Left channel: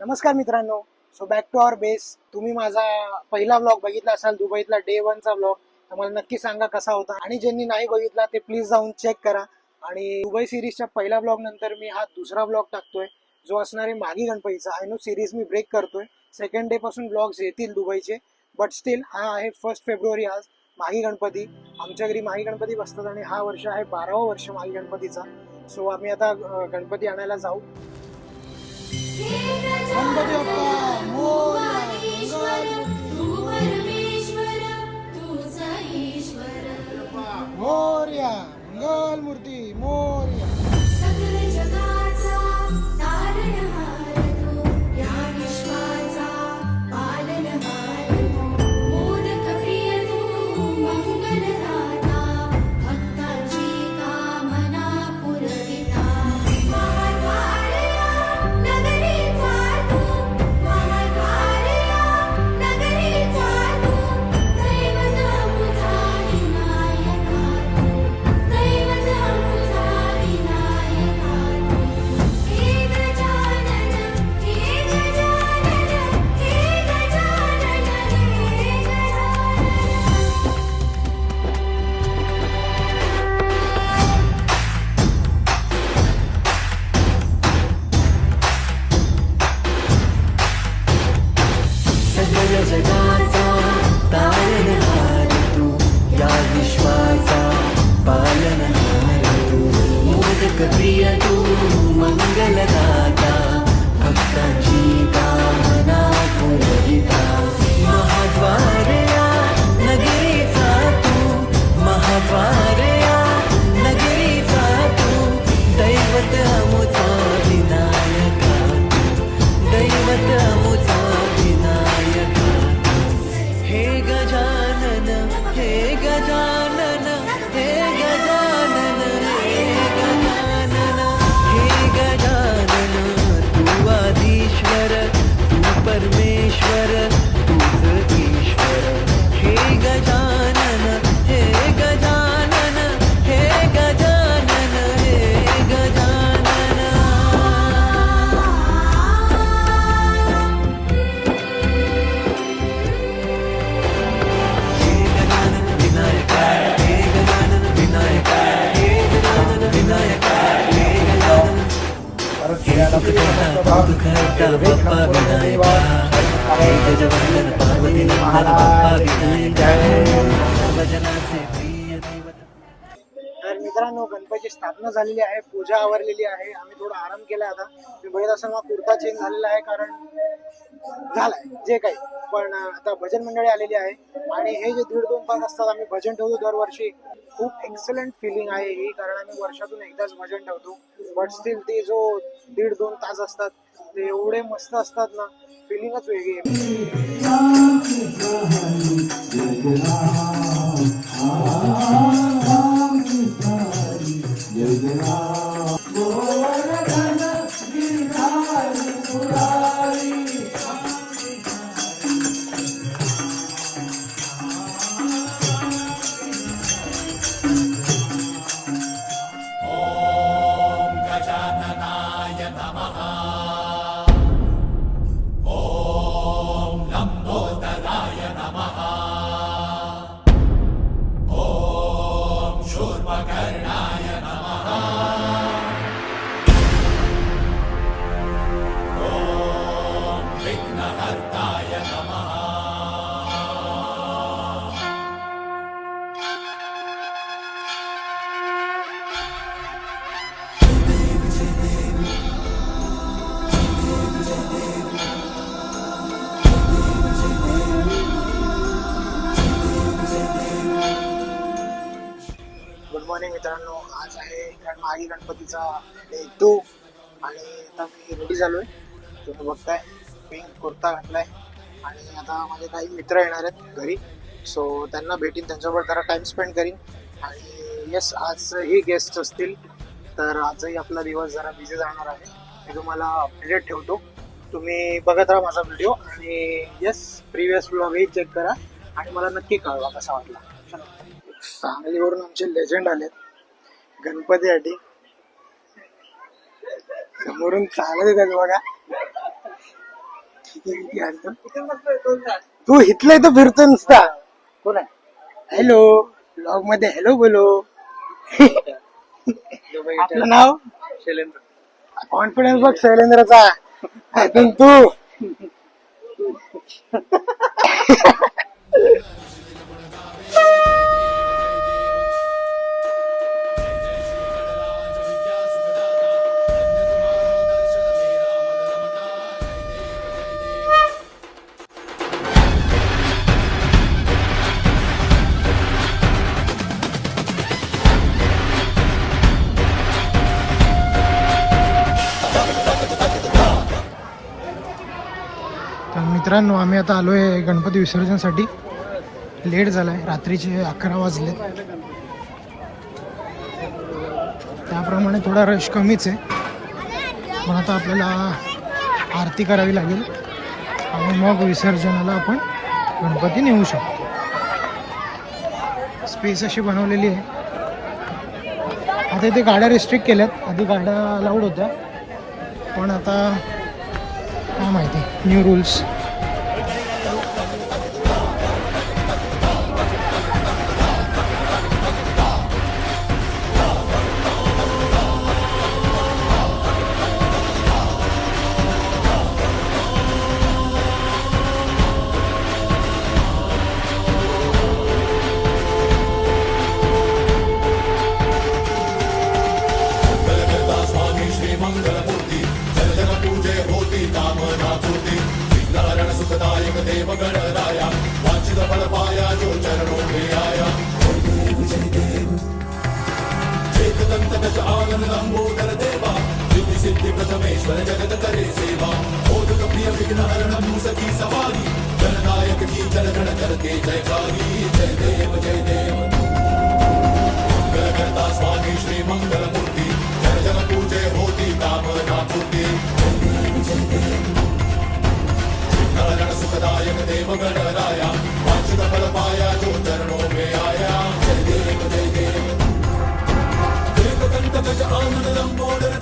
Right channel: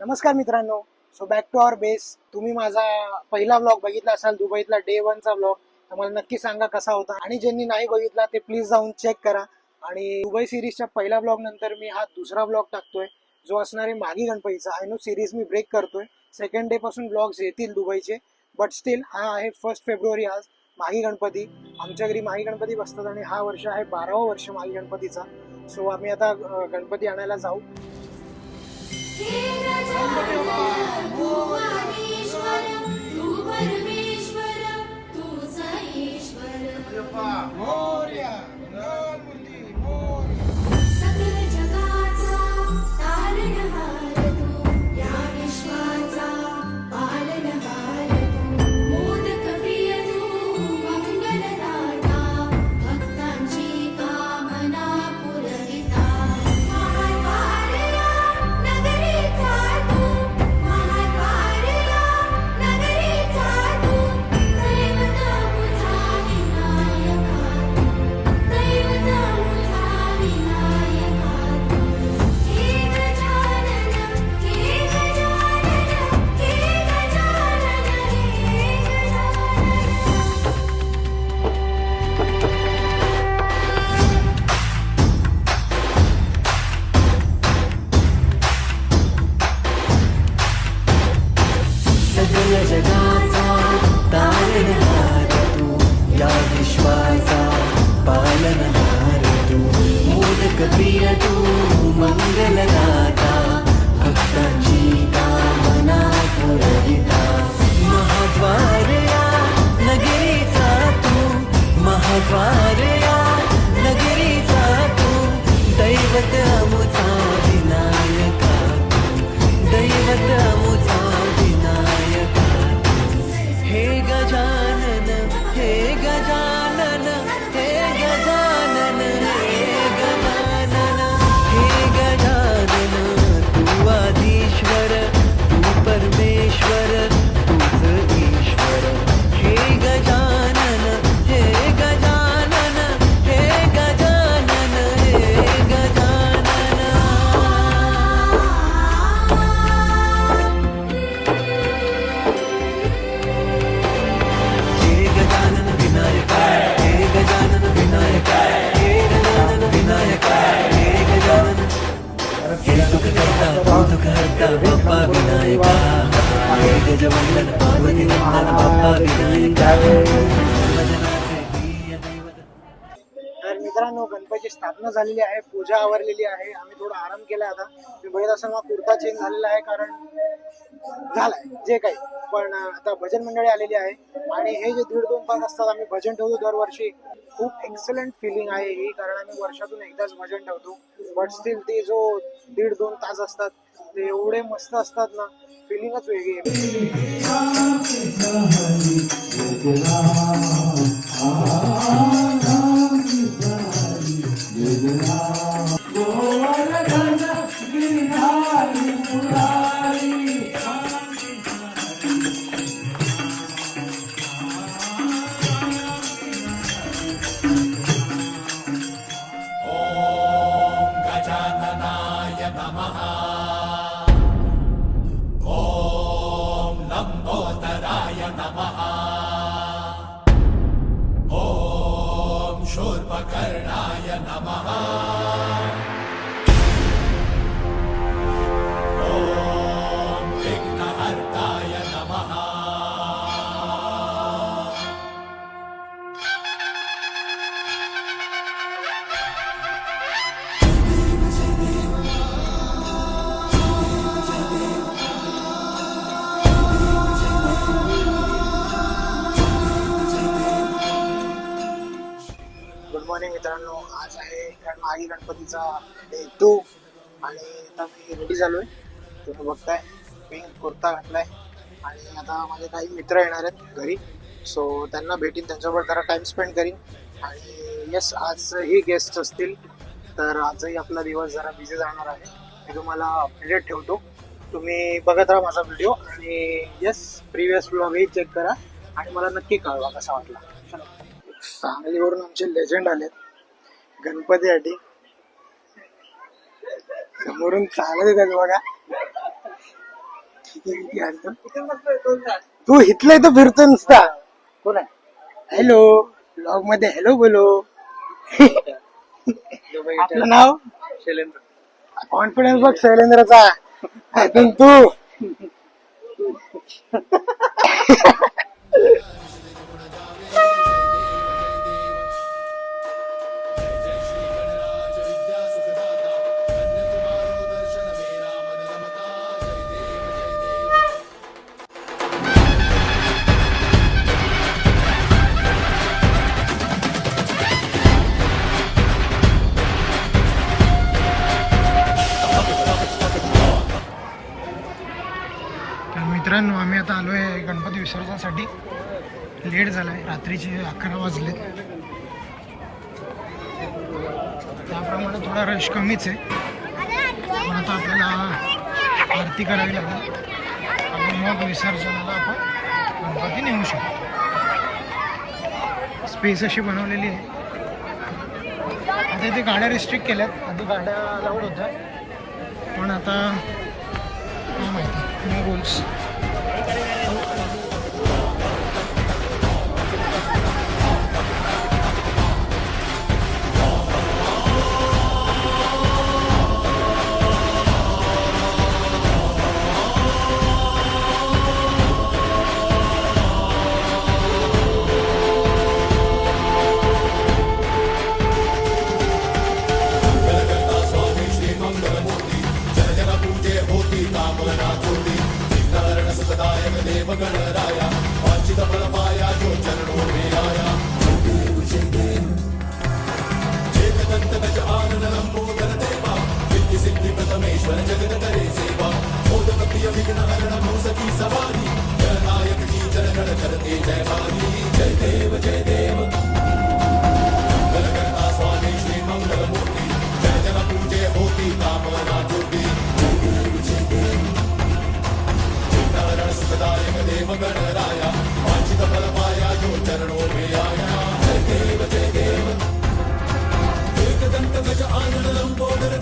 नमस्कार मित्रांनो. So back to our base. तुम्ही माझा पहिला ब्लॉग बघितला असाल दुबईतला डे 1चा ब्लॉग, तर मला नक्की सांगा कसा होता. आणि ज्यांनी नाही बघितला ते प्लीज जाऊन चेक करा. आणि दुबई सिरीजच्या पहिल्या ब्लॉग नंतर मी हा दुसरा ब्लॉग टाकतोय जो असणार आहे मागी गणपतीचा. आय नो सिरीज मी ब्रेक करतोय, सेकंड डे पासून ब्लॉग्स येतील दुबईचे, बट स्टील हा आहे 1 फेब्रुवारी आज मागी गणपती. आमच्या घरी मागी गणपती बसतात आणि हा वर्ष आहे 12वं वर्ष मागी गणपतीचा. सो आम्ही आता गणपती आणायला जाऊ. मोरया मंगल मूर्ती मोरया. सकल जगाचा तारणहार तू, या विश्वाचा पालनहार तू, मोदक प्रिय तू, मंगलदाता, भक्तांची कामना पुरविता. महाद्वारया नगरीचा तू, महाद्वारया नगरीचा तू, दैवत मुझा विनायका तू, दैवत मुझा विनायका तू. हे गजानन, हे गजानन, हे गजानन, हे सकल जगाचा तारणहार तू, या विश्वाचा पालनहार तू, मोदक प्रिय तू, मंगलदाता, भक्तांची कामना पुरविता. महाद्वारया नगरीचा तू, महाद्वारया नगरीचा तू, दैवत अमुचा विनायका तू, दैवत अमुचा विनायका तू. हे गजानन, हे गजानन, हे गजानन, हे गजानन, हे गजानन. तू आदिश्वर, तू परमेश्वर, तूच ईश्वर. हे गजानन, हे गजानन, हे गजानन, हे गजानन. हे गजानन विनायका, हे गजानन विनायका, हे गजानन विनायका, हे गजानन. हे सुख करता तू दुःख हरता बाप्पा विनायका. हे गजवंदन पार्वती नंदन बाप्पा विनायका. सर्वजनाचे प्रिय दैवत. तर मित्रांनो, गणपतीची स्थापना झालेली आहे, पूजा आवरलेली आहे. आम्ही थोडा आराम केला. आता मी बघत असताना कुर्ता चेंज झालेला आहे, कारण झालाय जे काही. पण आता भजन मंडळी आलेली आहे आणि हे जे 1.5-2 तास असतात आम्ही भजन ठेवतो दरवर्षी. खूप एक्सलंट फिलिंग आहे ही, कारण आम्ही वर्षातून एकदाच भजन ठेवतो. बट स्टील ते जो 1.5-2 तास असतात ते एवढे मस्त असतात ना, फिलिंगच वेगळी आहे. गुड मॉर्निंग मित्रांनो. आज आहे मागी गणपतीचा डे 2 आणि आता मी रेडी झालोय. तुम्ही बघताय पिंक कुर्ता घातलाय आणि आता माझे काही मित्र येणार आहेत घरी. सो त्यांना भेटीन, त्यांच्याबरोबर जरा टाइम स्पेंड करीन. आणि येस, आजही गेस्ट असतील, तर आजही आपला दिवस जरा बिझी जाणार आहे. मी तुम्हाला अपडेट ठेवतो. तुम्ही बघत राहा माझा व्हिडिओ आणि येस, प्रिव्हियस व्लॉगही चेक करा आणि मला नक्की कळवा कसा वाटला. चलो. सांगलीवरून आमचे लेजंड आलेत गणपतीसाठी. समोरून चालत येतात बघा. तू इथलं तर फिरतो नुसता. कोण आहे? हॅलो, ब्लॉग मध्ये हॅलो बोलो. आपलं नाव शैलेंद्र कॉन्फिडन्स बघ शैलेंद्रचा. अजून तू तर मित्रांनो, आम्ही आता आलो आहे गणपती विसर्जनसाठी. लेट झाला आहे, रात्रीचे 11 वाजले. त्याप्रमाणे थोडा रश कमीच आहे. पण आता आपल्याला आरती करावी लागेल आणि मग विसर्जनाला आपण गणपती नेऊ शकतो. स्पेस अशी बनवलेली आहे. आता इथे गाड्या रिस्ट्रिक्ट केल्यात. आधी गाड्या लावड होत्या, पण आता काय माहिती न्यू रूल्स. Lambodara